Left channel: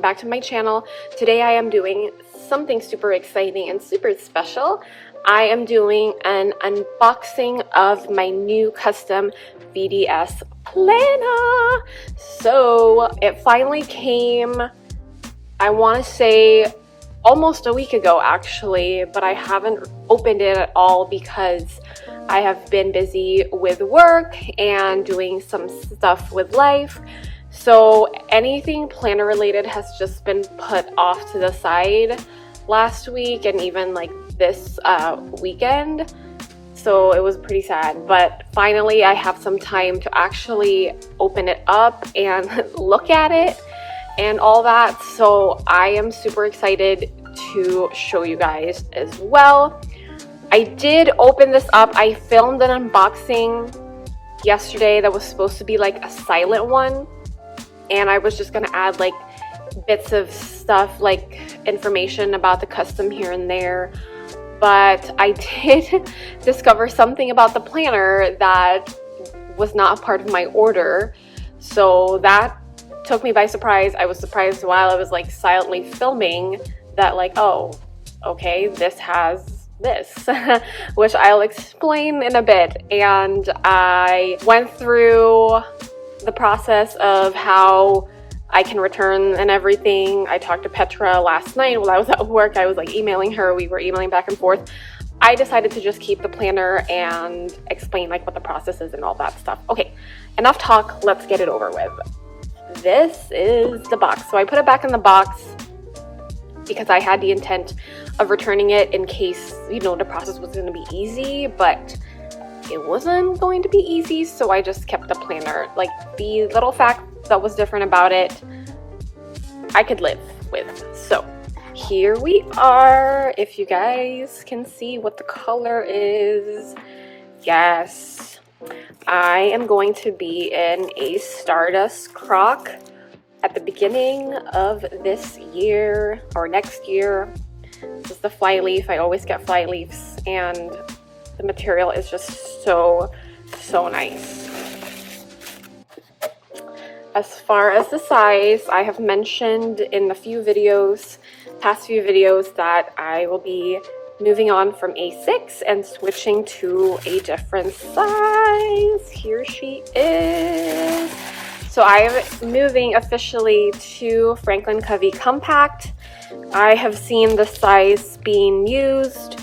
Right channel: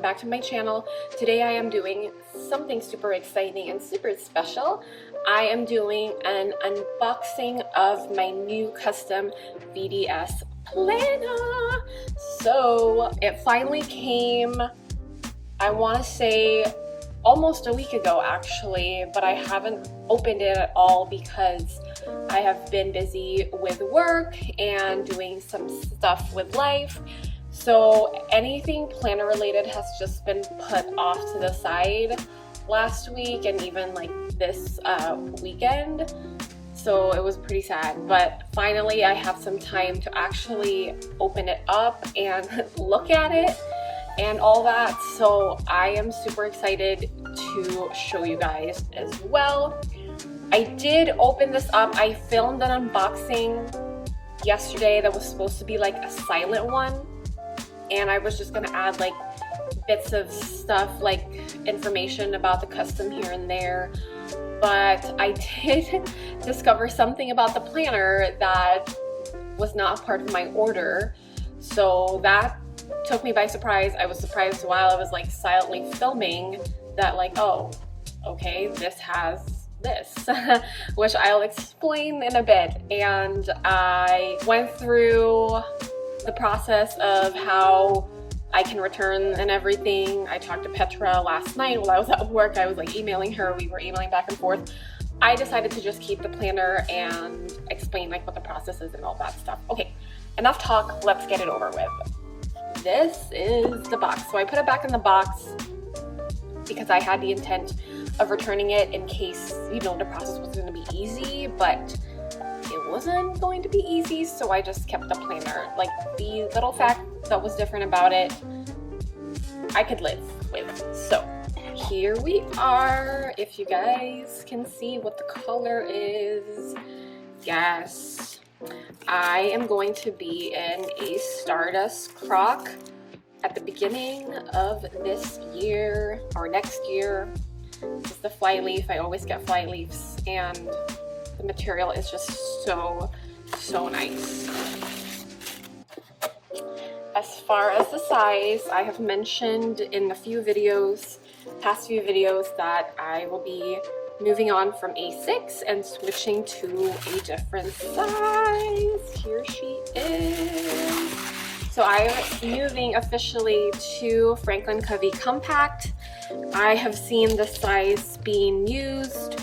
welcome back to my channel. Today I am doing something super exciting and super special. I am doing an unboxing of my new custom VDS Planner. So it finally came, I want to say almost a week ago actually, but I haven't opened it at all because I have been busy with work and doing some stuff with life. So anything planner related has just been put off to the side last week and even like this weekend. So it was pretty sad, but finally I have some time to actually open it up and look at it and all that. So I am super excited to show you guys as well. I did open this up. I filmed an unboxing yesterday that was supposed to be like a silent one, and I was just gonna add like bits of stuff, like information about the custom here and there. But I did discover something about the planner that was not a part of my order. So that took me by surprise. I was surprised while I was like silently filming that like, oh, okay, this has this, which I'll explain in a bit. And I went through the process of how I can return and everything. I talked to Petra last night while I was at work. I was like emailing her, we were emailing back and forth. I decided to just keep the planner and explain like what the process is and all that stuff. Okay, enough talk, let's get it over with. This is the box. So I put it back in the box because I had the intent of returning it in case, you know, the process was going to be easy, but it wasn't going to be easy, so I just kept the planner. Like, the little fact that was different about it, I could live with. So here we are. If you guys can see what the color is, yes, I am going to be in a Stardust croc at the beginning of this year or next year. This is the Flyleaf. I always get Flyleafs, and the material is just so nice. As far as the size, I have mentioned in the past few videos that I will be moving on from A6 and switching to a different size. Here she is. So I am moving officially to Franklin Covey Compact. I have seen the size being used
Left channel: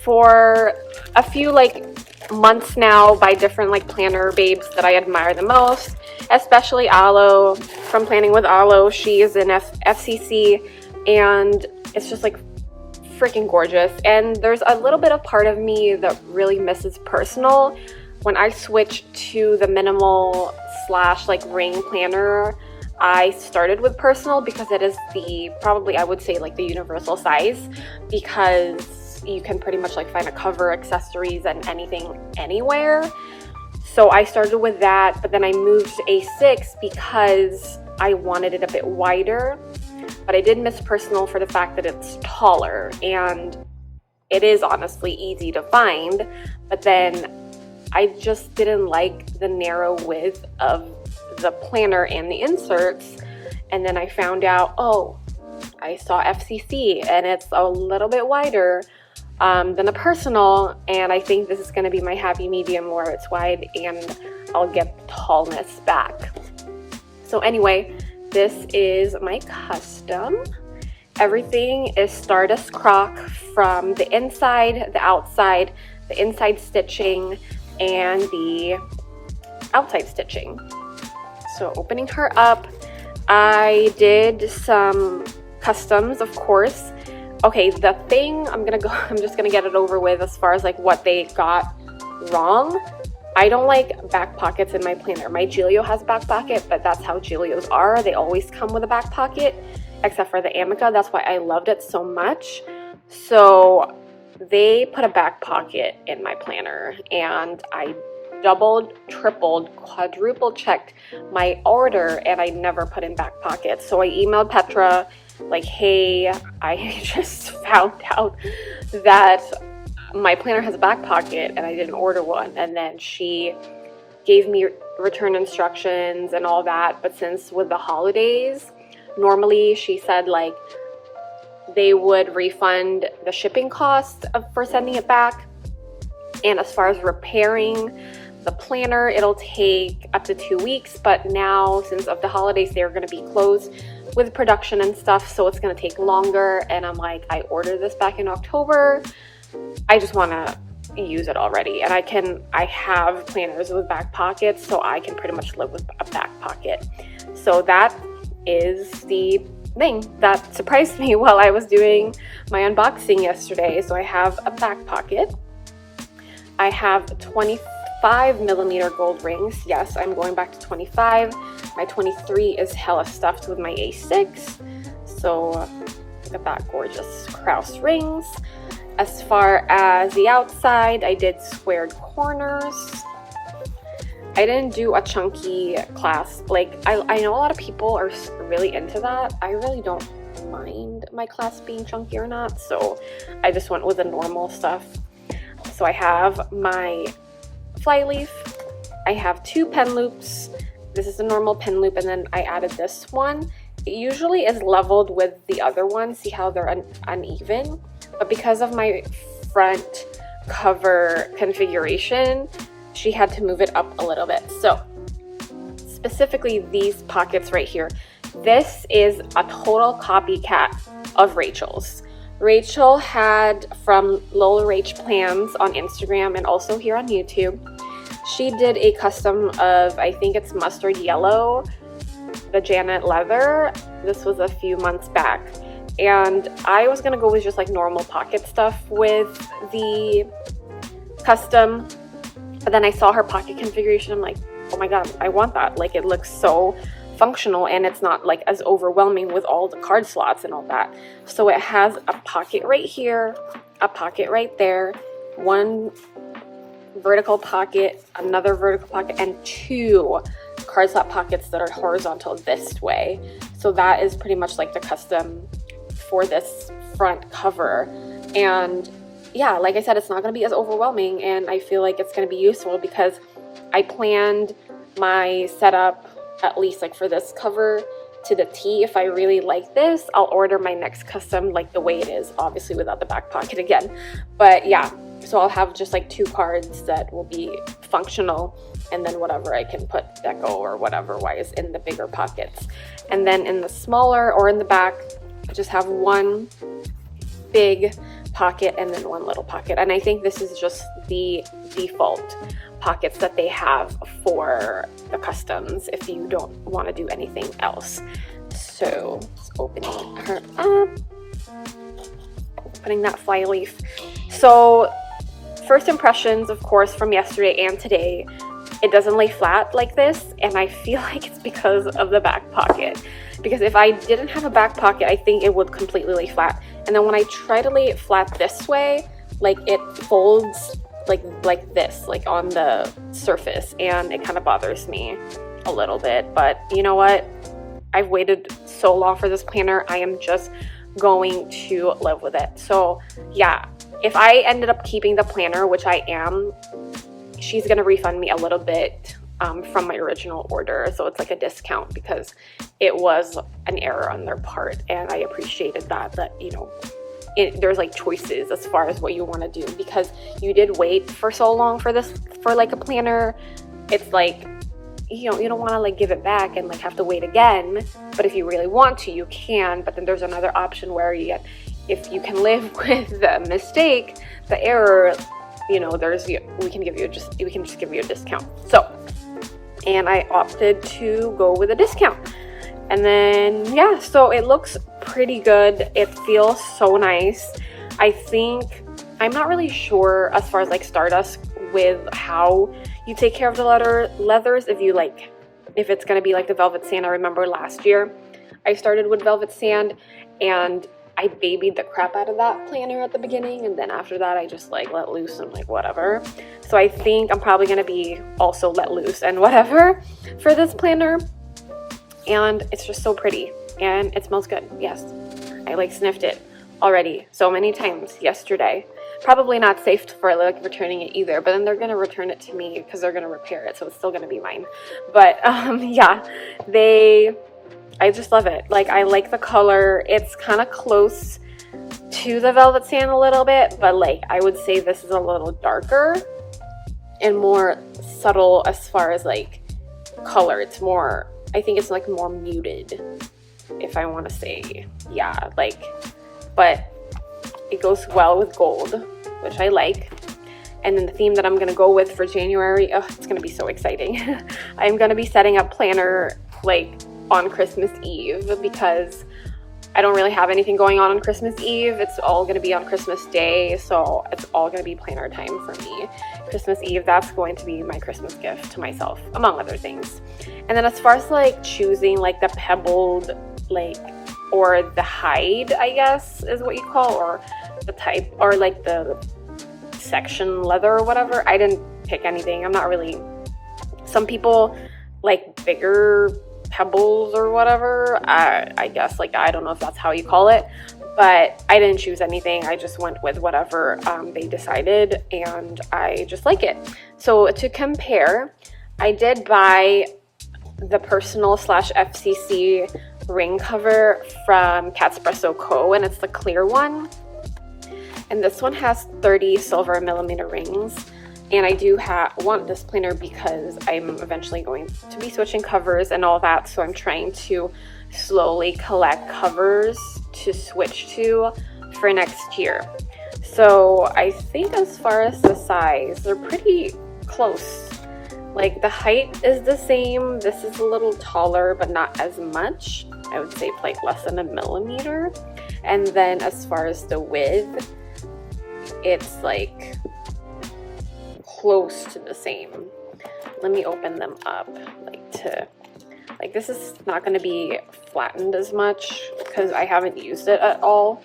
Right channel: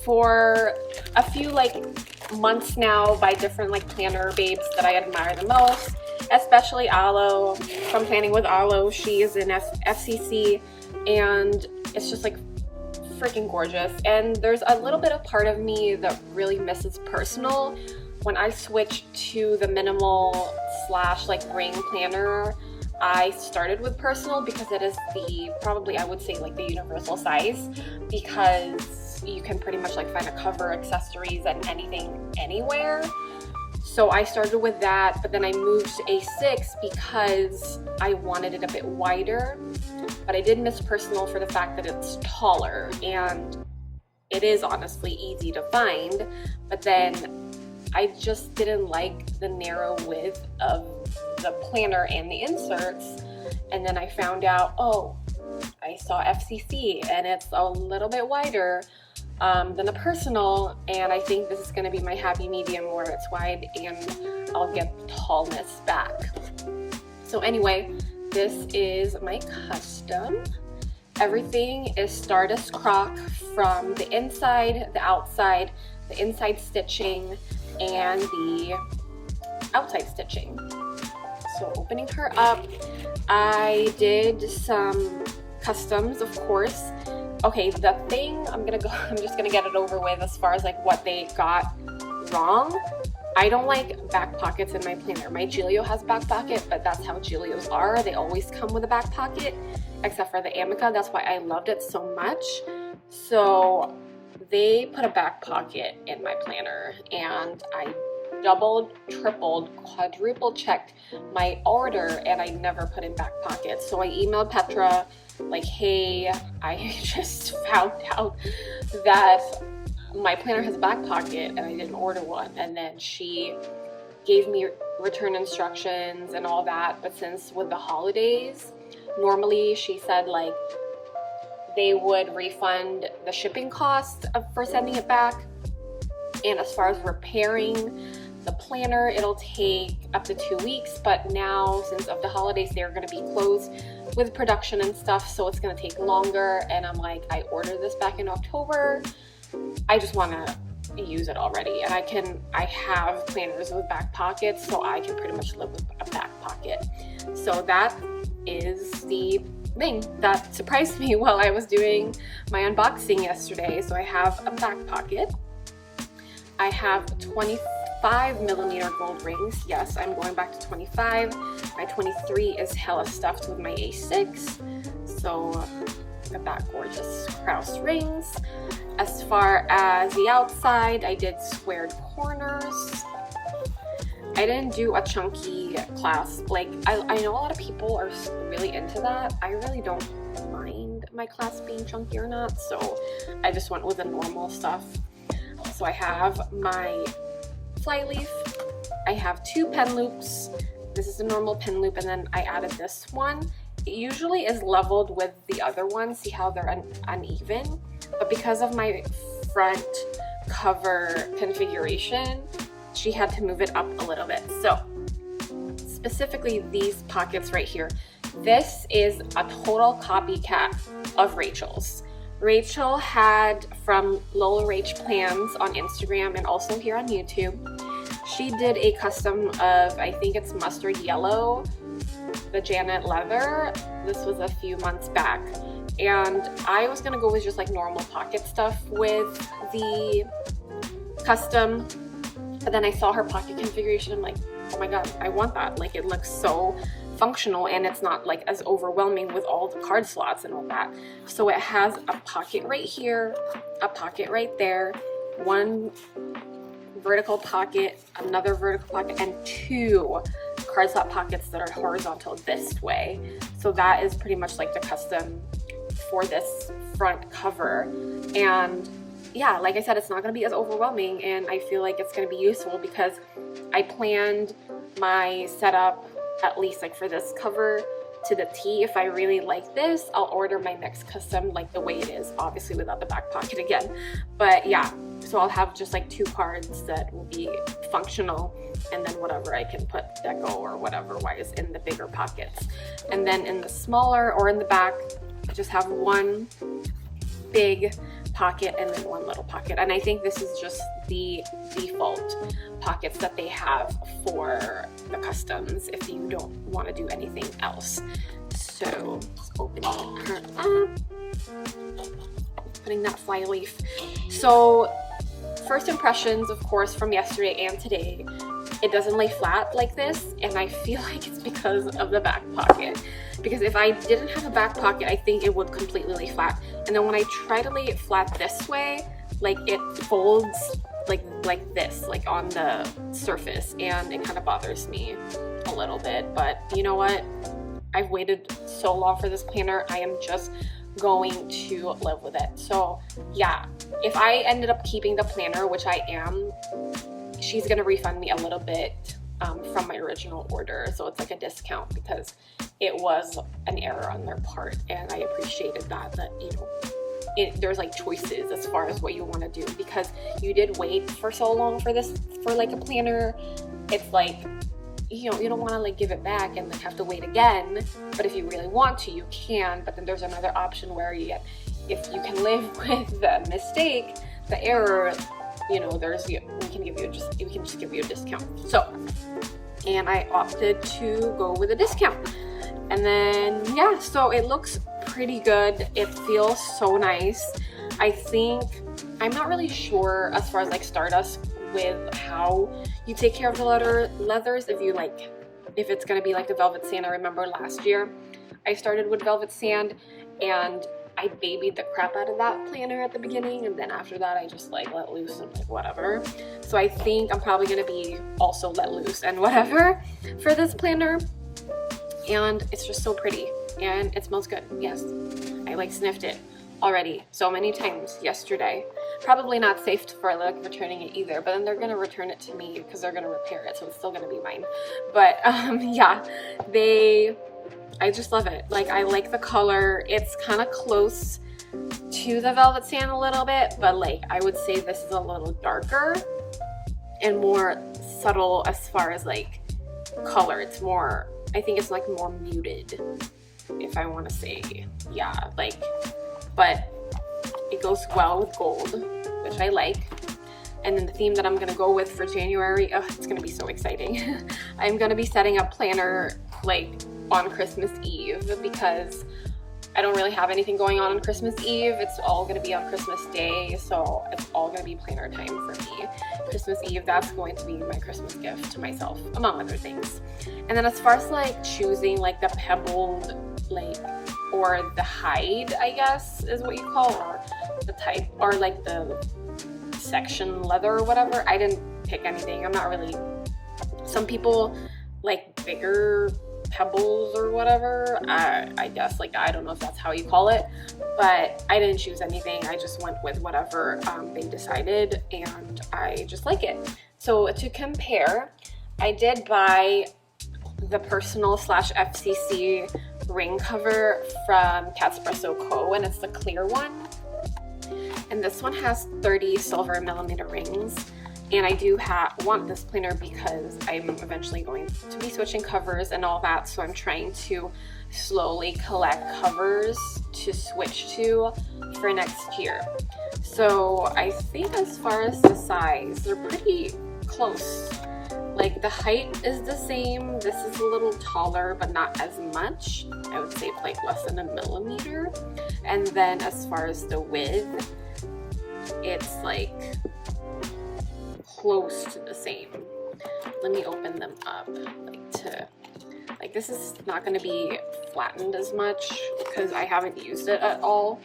for a few like months now by different like planner babes that I admire the most, especially Aloe from Planning with Aloe. She is in FCC and it's just like freaking gorgeous. And there's a little bit of part of me that really misses personal. When I switched to the minimal / like ring planner, I started with personal because it is the probably I would say like the universal size, because you can pretty much like find a cover, accessories, and anything anywhere. So I started with that, but then I moved to A6 because I wanted it a bit wider, but I did miss personal for the fact that it's taller, and it is honestly easy to find, but then I just didn't like the narrow width of the planner and the inserts. And then I found out, oh, I saw FCC and it's a little bit wider than the personal, and I think this is going to be my happy medium where it's wide and I'll get the tallness back. So anyway, this is my custom. Everything is Stardust croc from the inside, the outside, the inside stitching, and the outside stitching. So opening her up, I did some customs, of course. Okay, the thing I'm just gonna get it over with as far as like what they got wrong. I don't like back pockets in my planner. My Giglio has back pocket, but that's how Giglios are. They always come with a back pocket, except for the Amica. That's why I loved it so much. So they put a back pocket in my planner, and I doubled, tripled, quadruple checked my order, and I never put in back pockets. So I emailed Petra like, hey, I just found out that my planner has a back pocket and I didn't order one. And then she gave me return instructions and all that, but since with the holidays Normally she said like they would refund the shipping cost for sending it back, and as far as repairing the planner, it'll take up to 2 weeks, but now since of the holidays they're going to be closed with production and stuff, so it's going to take longer. And I'm like, I ordered this back in October, I just want to use it already. And I have planners with back pockets, so I can pretty much live with a back pocket. So that is the thing that surprised me while I was doing my unboxing yesterday. So I have a back pocket, I have 25mm gold rings. Yes, I'm going back to 25. My 23 is hella stuffed with my A6. So look at that gorgeous Krause rings. As far as the outside, I did squared corners. I didn't do a chunky clasp. Like, I know a lot of people are really into that. I really don't mind my clasp being chunky or not, so I just went with the normal stuff. So I have my Flyleaf, I have 2 pen loops. This is a normal pen loop, and then I added this one. It usually is leveled with the other one. See how they're uneven? But because of my front cover configuration, she had to move it up a little bit. So specifically these pockets right here, this is a total copycat of Rachel's. Rachel had from Lola Rach Plans on Instagram and also here on YouTube. She did a custom of, I think it's mustard yellow, the Janet leather. This was a few months back. And I was gonna go with just like normal pocket stuff with the custom. But then I saw her pocket configuration. I'm like, oh my God, I want that. Like, it looks so functional and it's not like as overwhelming with all the card slots and all that. So it has a pocket right here, a pocket right there, one vertical pocket, another vertical pocket, and 2 card slot pockets that are horizontal this way. So that is pretty much like the custom for this front cover. And yeah, like I said, it's not going to be as overwhelming, and I feel like it's going to be useful because I planned my setup at least like for this cover to the T. If I really like this, I'll order my next custom like the way it is, obviously without the back pocket again. But yeah, so I'll have just like 2 cards that will be functional, and then whatever I can put deco or whatever wise in the bigger pockets. And then in the smaller or in the back, I just have 1 big pocket and then 1 little pocket. And I think this is just the default pockets that they have for the customs if you don't want to do anything else. So just opening her up, opening that Flyleaf. So first impressions, of course, from yesterday and today, it doesn't lay flat like this, and I feel like it's because of the back pocket. Because if I didn't have a back pocket, I think it would completely lay flat. And then when I try to lay it flat this way, like it folds like this, like on the surface, and it kind of bothers me a little bit. But you know what? I've waited so long for this planner. I am just going to live with it. So yeah, if I ended up keeping the planner, which I am, she's gonna refund me a little bit from my original order. So it's like a discount because it was an error on their part, and I appreciated that, you know, there's like choices as far as what you want to do, because you did wait for so long for this, for like a planner. It's like, you know, you don't want to like give it back and like have to wait again. But if you really want to, you can. But then there's another option where if you can live with the mistake, the error, you know, we can just give you a discount. So, and I opted to go with a discount. And then yeah, so it looks pretty good. It feels so nice. I think, I'm not really sure as far as like Stardust with how you take care of the leathers, if it's gonna be like the velvet sand. I remember last year I started with velvet sand and I babied the crap out of that planner at the beginning, and then after that I just like let loose and like whatever. So I think I'm probably gonna be also let loose and whatever for this planner. And it's just so pretty and it smells good. Yes, I like sniffed it already so many times yesterday. Probably not safe for like returning it either, but then they're gonna return it to me because they're gonna repair it, so it's still gonna be mine. But yeah, I just love it. Like, I like the color. It's kind of close to the Velvet Sand a little bit, but like I would say this is a little darker and more subtle as far as like color. It's more, I think it's like more muted, if I want to say. Yeah, like, but it goes well with gold, which I like. And then the theme that I'm going to go with for January, oh, it's going to be so exciting. I'm going to be setting up planner like on Christmas Eve, because I don't really have anything going on Christmas Eve. It's all going to be on Christmas Day, so it's all going to be planner time for me. Christmas Eve, that's going to be my Christmas gift to myself, among other things. And then as far as like choosing like the pebbled, like, or the hide, I guess is what you call, or the type, or like the section leather or whatever, I didn't pick anything. I'm not really, some people like bigger pebbles or whatever, I guess, like, I don't know if that's how you call it, but I didn't choose anything. I just went with whatever they decided, and I just like it. So to compare, I did buy the personal / FCC ring cover from Catspresso Co, and it's the clear one, and this one has 30 silver millimeter rings. And I do want this planner because I'm eventually going to be switching covers and all that, so I'm trying to slowly collect covers to switch to for next year. So I think as far as the size, they're pretty close. Like, the height is the same. This is a little taller, but not as much. I would say like less than a millimeter. And then as far as the width, it's like close to the same. Let me open them up, like this is not going to be flattened as much because I haven't used it at all.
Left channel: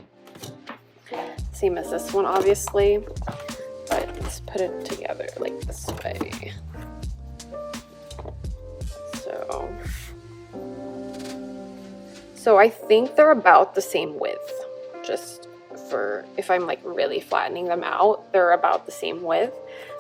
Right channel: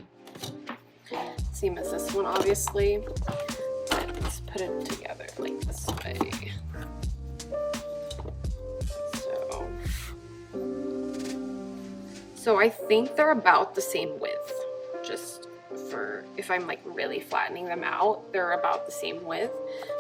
Same as this one, obviously, but let's put it together like this way. So I think they're about the same width, just for if I'm like really flattening them out, they're about the same width,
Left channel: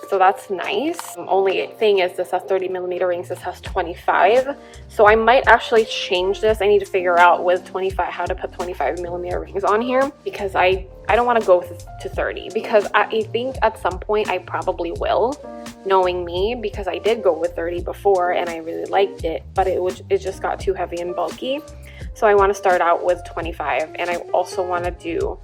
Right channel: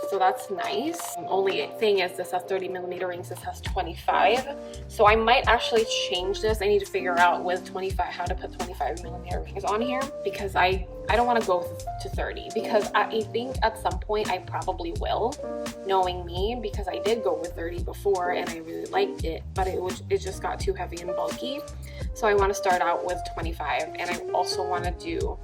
so that's nice. Only thing is, this has 30 millimeter rings, this has 25, so I might actually change this. I need to figure out with 25 how to put 25 millimeter rings on here, because I don't want to go to 30, because I think at some point I probably will, knowing me, because I did go with 30 before and I really liked it, but it just got too heavy and bulky. So I want to start out with 25, and I also want to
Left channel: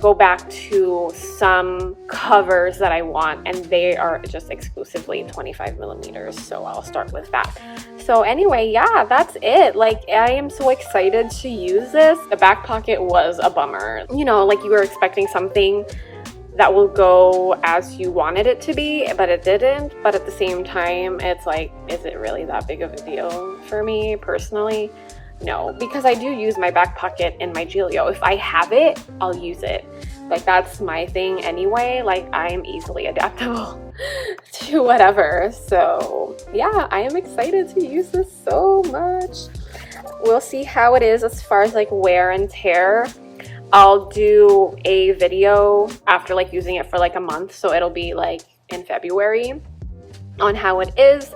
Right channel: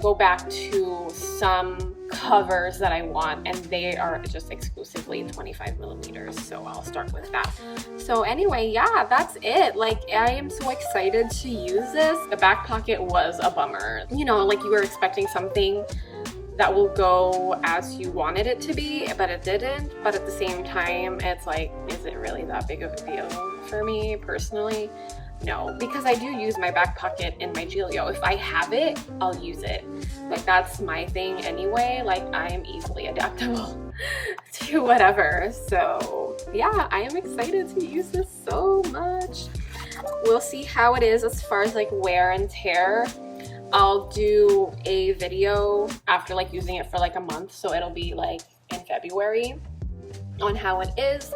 go back to some covers that I want, and they are just exclusively 25 millimeters, so I'll start with that. So anyway, yeah, that's it. Like, I am so excited to use this. The back pocket was a bummer. You know, like, you were expecting something that will go as you wanted it to be, but it didn't. But at the same time, it's like, is it really that big of a deal for me personally? No, because I do use my back pocket in my Giglio. If I have it, I'll use it. Like, that's my thing anyway. Like, I am easily adaptable to whatever. So yeah, I am excited to use this so much. We'll see how it is as far as like wear and tear. I'll do a video after like using it for like a month, so it'll be like in February, on how it is.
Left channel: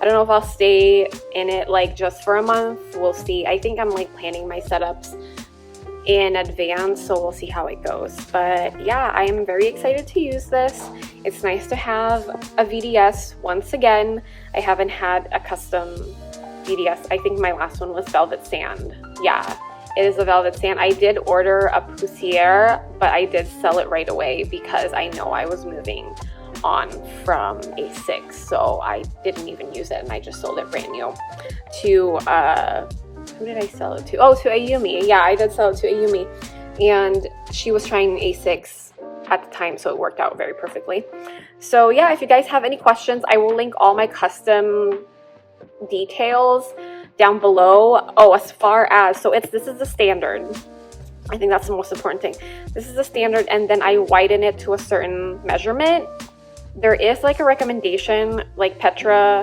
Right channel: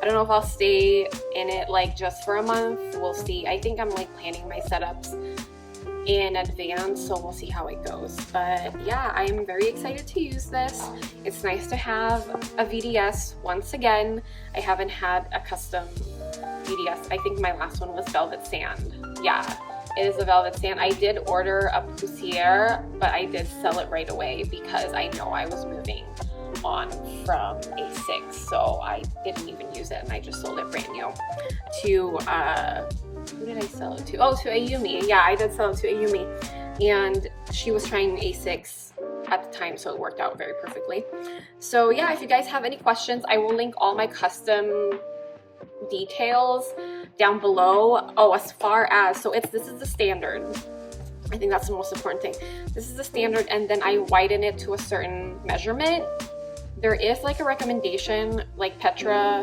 I don't know if I'll stay in it like just for a month. We'll see. I think I'm like planning my setups in advance, so we'll see how it goes. But yeah, I am very excited to use this. It's nice to have a VDS once again. I haven't had a custom VDS. I think my last one was Velvet Sand. Yeah, it is a Velvet Sand. I did order a Poussiere, but I did sell it right away because I know I was moving on from A6, so I didn't even use it, and I just sold it brand new to who did I sell it to? Oh, to Ayumi. Yeah, I did sell it to Ayumi, and she was trying A6 at the time, so it worked out very perfectly. So yeah, if you guys have any questions, I will link all my custom details down below. Oh, as far as, so this is the standard. I think that's the most important thing. This is the standard, and then I widen it to a certain measurement. There is like a recommendation, like Petra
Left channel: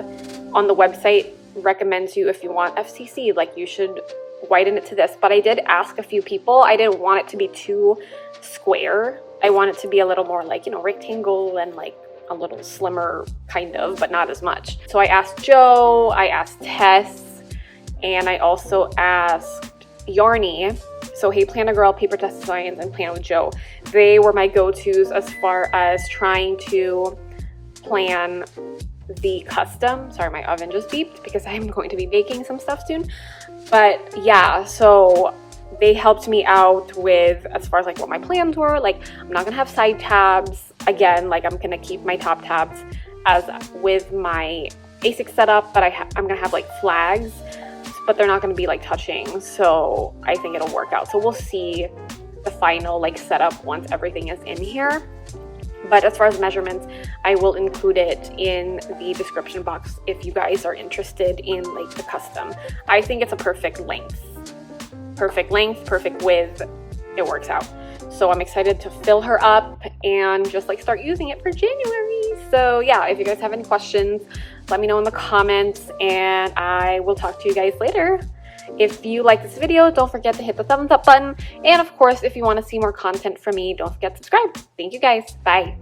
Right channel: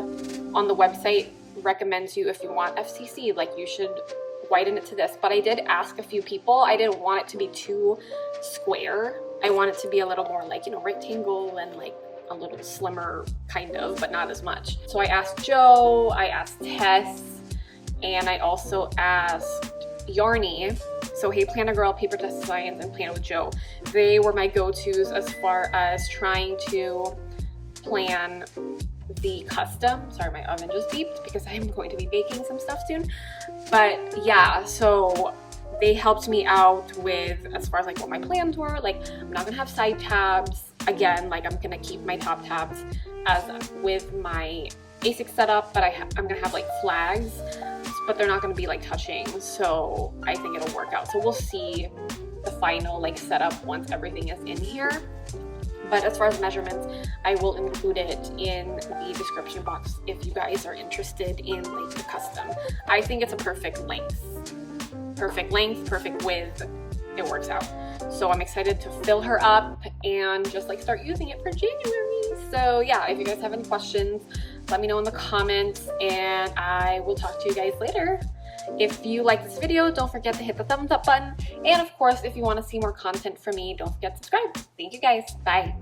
on the website recommends you, if you want FCC, like you should widen it to this. But I did ask a few people. I didn't want it to be too square. I want it to be a little more like, you know, rectangle and like a little slimmer kind of, but not as much. So I asked Joe, I asked Tess, And I also asked Yarny, so Hey Planner Girl, Paper Test Science, and Plan with Joe. They were my go-tos as far as trying to plan the custom. Sorry, my oven just beeped because I'm going to be baking some stuff soon. But yeah, so they helped me out with as far as like what my plans were. Like, I'm not gonna have side tabs. Again, like I'm gonna keep my top tabs as with my A6 setup, but I'm gonna have like flags, but they're not gonna be like touching. So I think it'll work out. So we'll see the final like setup once everything is in here. But as far as measurements, I will include it in the description box if you guys are interested in like the custom. I think it's a perfect length, perfect width. It works out. So I'm excited to fill her up and just like start using it for January. So yeah, if you guys have any questions, let me know in the comments and I will talk to you guys later. If you like this video, don't forget to hit the thumbs up button. And of course, if you want to see more content from me, don't forget to subscribe. Thank you guys. Bye.